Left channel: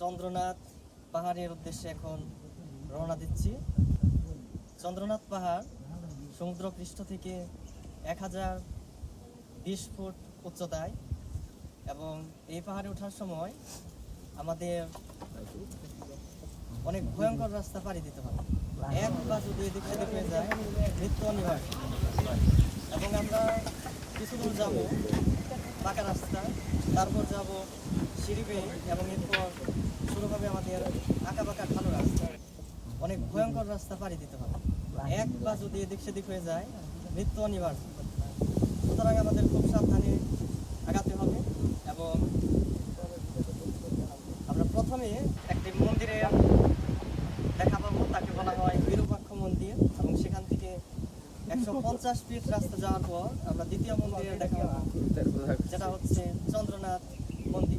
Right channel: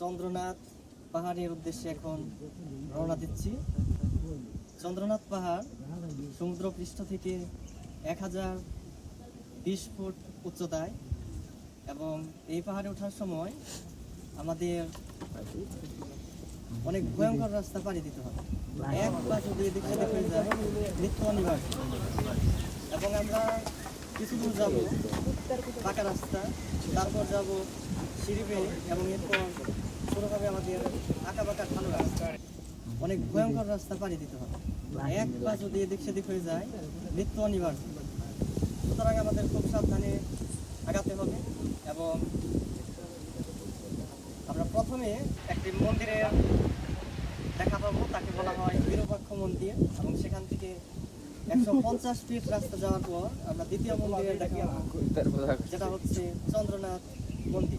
চন্দ্রনাথ পাহাড়ের উদ্দেশ্যে এখন রওনা দিচ্ছি। চন্দ্রনাথ পাহাড় সমুদ্রপৃষ্ঠ থেকে 1020 ফুট উচ্চতায়, এবং এই পাহাড়ে ওঠার সময় আমাদের অনেক ভয়ঙ্কর রাস্তা পাড়ি দিতে হবে। একবার যদি এদিকে হয়ে যায় মৃত্যু অনিবার্য। এবং আমরা কিছু দূর যাব পাকা রাস্তা, তারপর যাব সিঁড়ি বেয়ে, এবং এরপর শুরু হবে আমাদের আঁকা বাঁকা ভালো রাস্তা। অনেক ভয়ঙ্কর রাস্তা পাড়ি দিতে হবে। একবার যদি এদিক সেদিক হয়ে যায় মৃত্যু অনিবার্য। সুতরাং আমাদের খুব সাবধানে আগাতে হবে। এবং আমরা প্রথমে একটি মন্দিরের দেখা পাবো, তাকে বলা হয় বিরূপাক্ষ মন্দির, এবং সেখান থেকে 150 ফিট রাস্তা যাওয়ার পর আমরা দ্বিতীয় মন্দিরের দেখা পাবো, যেটা হচ্ছে চন্দ্রনাথ মন্দির।